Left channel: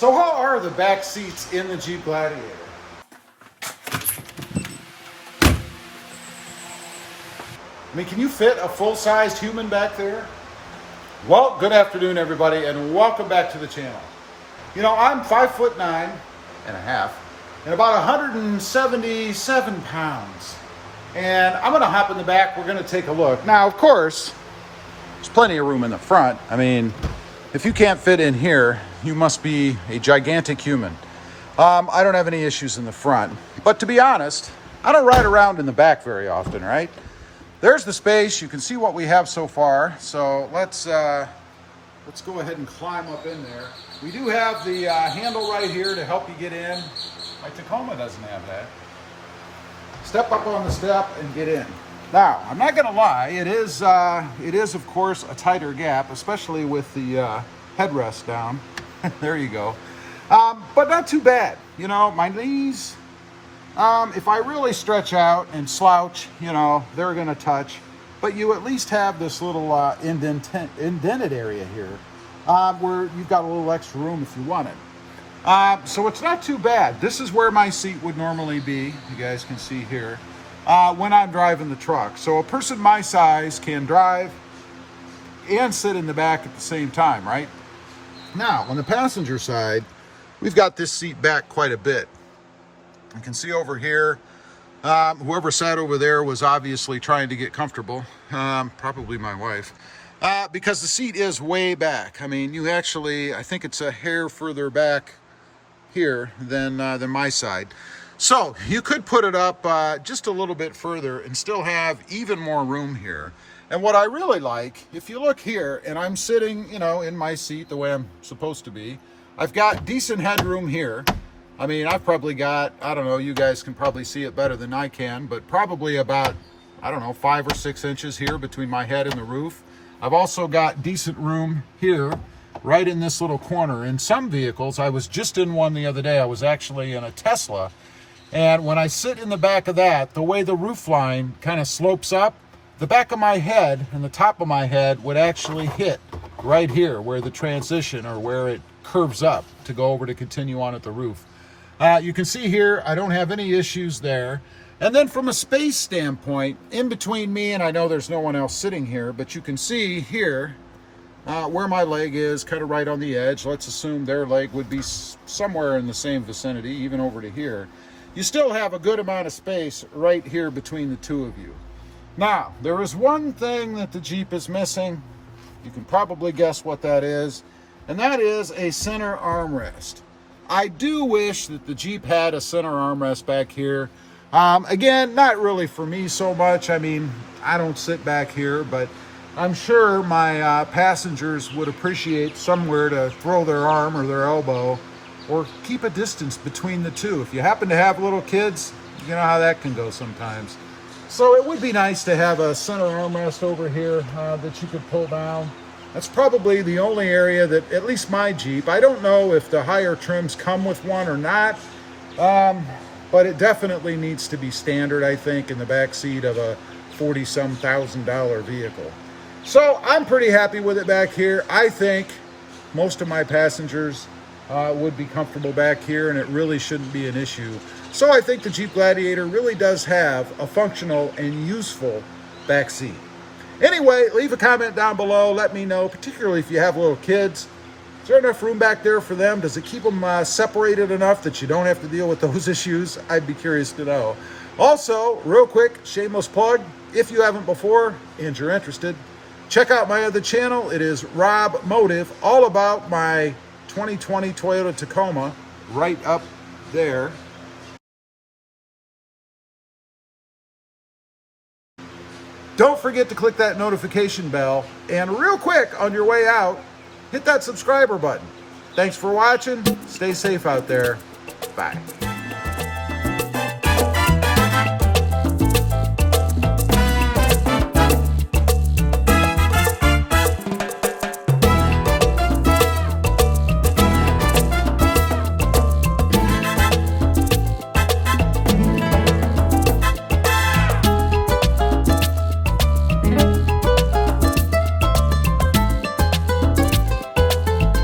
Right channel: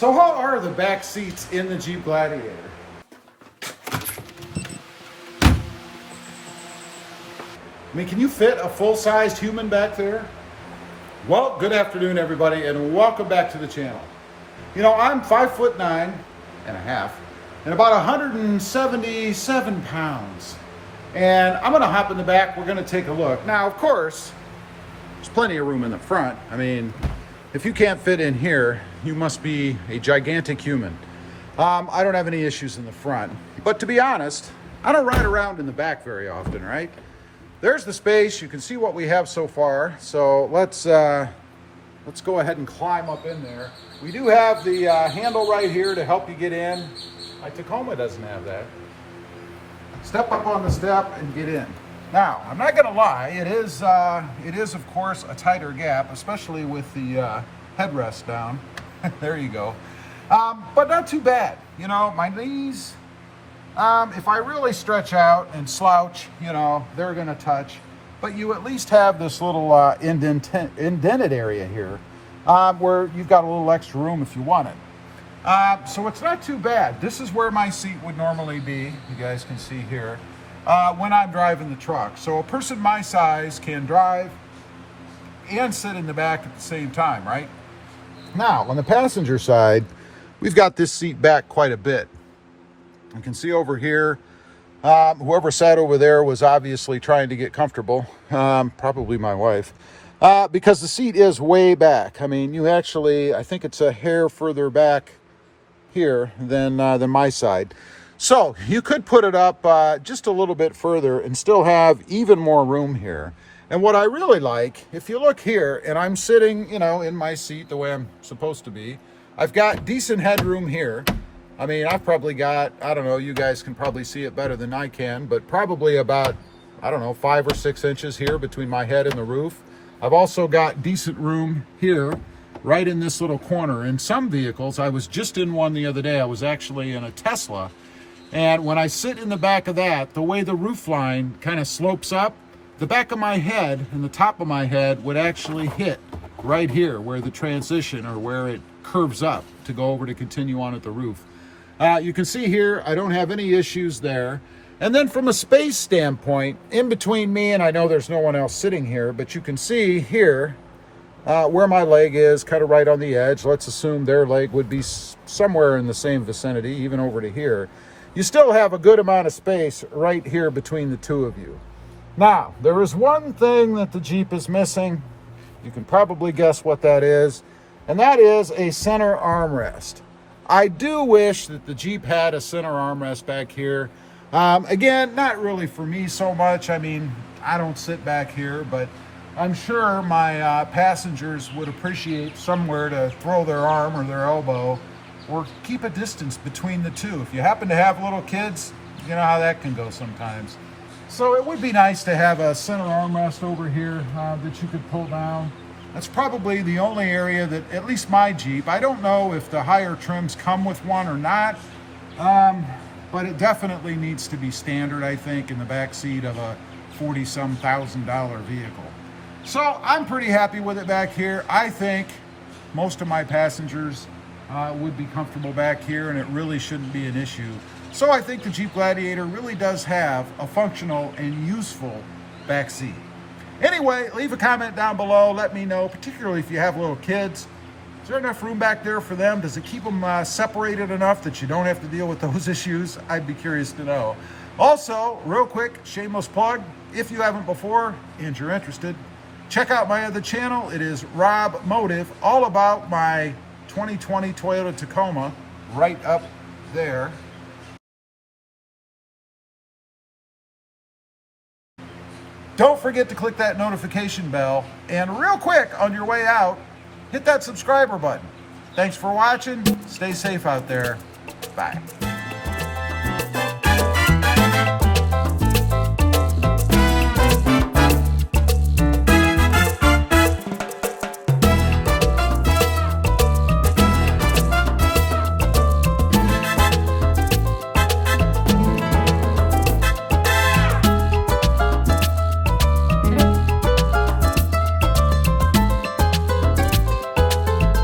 So how are the back seats in the Jeep Gladiator? I mean, can you fit a full-sized human back there? Well, good afternoon, everybody, and welcome back to the channel. You know, I'm 5'9" and a half, and about 177 pounds. And I'm gonna hop in the back, we're gonna take a look. Now, of course, there's plenty of room in the front. I mean, if you can't fit in here, you must be a gigantic human. I don't have any issues in the front, but to be honest, I don't ride around in the back very often, right? There's the space. You can see what we have so far. So let's go ahead and climb up in there. We do have the handle right here to help you get in. My Tacoma doesn't have that. Step up on the step and get in. Now, I'm not gonna lie, it is of course a tighter gap, especially with the headrest down. There you go. But not too bad. You know, my knees, if I really stretch out and slouch, you know, they're gonna touch. But you at least have this little indented area here where you've got a little extra room if you want it. So it's not too bad. This is where my seat would normally be, you guys can see here, when I'm driving the truck. So a person my size can drive and sit in the back at the same time, right? Now, on the passenger side, we've got this seat back quite a bit. You can see over here, whoever sat over there was obviously trying to get comfortable, probably my wife, because the seat is way back. I mean, you actually, I think it's a hair further back here than my side. So you could put it up just a little bit further and still have even more room here. And what I really like, if you look here, and I'm sitting, you know, in my seat the way I'm supposed to be, I've got decent headroom here. I mean, I've probably got, I don't know, you guys can probably see it better than I can, but probably about, I don't know, 5 or 6 inches here between my head and the roof. I've also got decent room here, right in this little corner. In some vehicles, I was just in one the other day. I was actually in a Tesla. And when I sit in the back of that, the way the roof line kind of slopes up, the back of my head and the top of my head would actually hit right here where the transition or where it curves up to go over to continue on at the roof. You can see here, I don't have any issues there. And then from a space standpoint, in between me, and I know there's no one else sitting here, but you can see here where my leg is, kind of right on the edge. Let's assume their leg would be somewhere in the same vicinity, even over to here. You still have a good amount of space right here between the two of you. Now, there is one thing that the Jeep is missing. You can probably guess what that is, and that is a center armrest. I do wish that the Jeep had a center armrest back here. Again, not really for me so much. I mean, I don't sit back here, but I'm sure my passengers would appreciate somewhere to throw their arm or their elbow or keep a distance between the two. If you happen to have little kids, you know how that can go sometimes. So it would be nice to have a center armrest over here that you could pull down. That's probably the only area that, at least my Jeep, I don't know if the higher trims come with one or not, but it definitely needs to be standard, I think, in the back seat of a $40-some thousand vehicle. So I'm pretty happy with it back here. I think most of my passengers would be comfortable back here, and it really shouldn't be an issue. So I think the Jeep Gladiator really does have a functional and useful back seat. Anyway, leave a comment down below. Let me know, particularly if you have little kids. Is there enough room back there for them? Does it keep them separated enough that you don't have to deal with those issues? I'd be curious to know. Also, real quick, shameless plug, if you haven't before and you're interested, check out my other channel. It is Rob Motive, all about my 2020 Toyota Tacoma, right up there. Don't forget to click that notification bell. And real quick, on your way out, hit that subscriber button. Thanks for watching. Stay safe out there. Bye.